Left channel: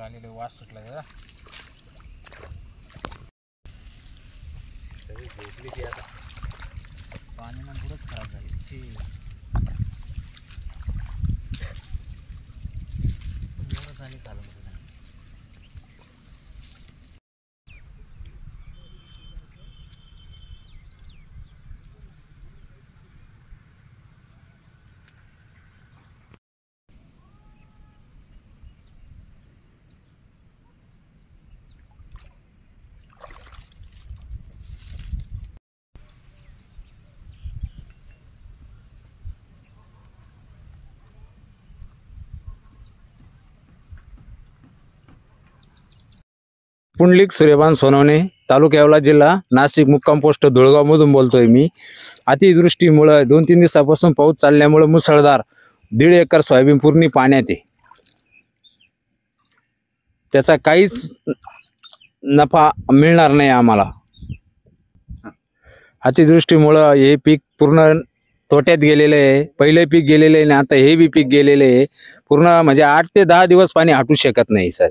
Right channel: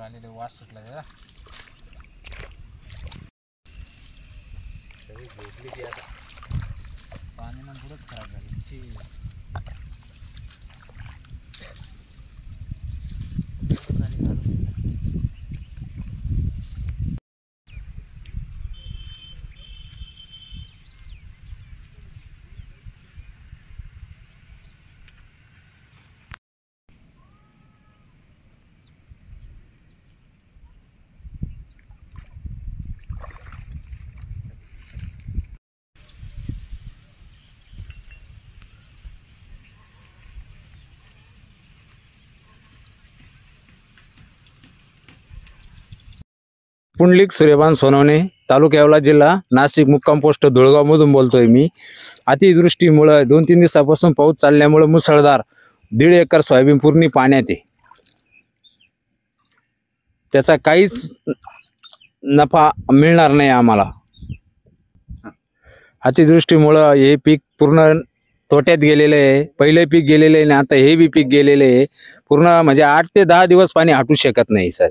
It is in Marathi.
पूर आलेले वास सुटला त्याला सगळी झोपली ती आता पाण्यानं पुढंच खराब झाली ती खाली झालं पुंडलिक सूर्यभान सोनवणे, तालुका येवला, जिल्हा नाशिक, मुक्काम पोस्ट धुळगाव मधून बोलतोय मी. अतिवृष्टीमुळे 2-3 दिवसापासून पाऊस चालल्यामुळे मुसळधार 1.5 एकर सोयाबीन पूर्ण पाण्यात आहे. त्याचा काहीच नफा मिळणार नाही आम्हाला. अतिवृष्टीमुळे हे पीक पूर्ण तोट्यात गेलेले आहे. पहिले पीक गेलेले आहे आणि आता हे बी पीक गेलेले आहे. पूर्ण म्हणजे 8 ते 10 दिवस पाणी हटू शकत नाही सर.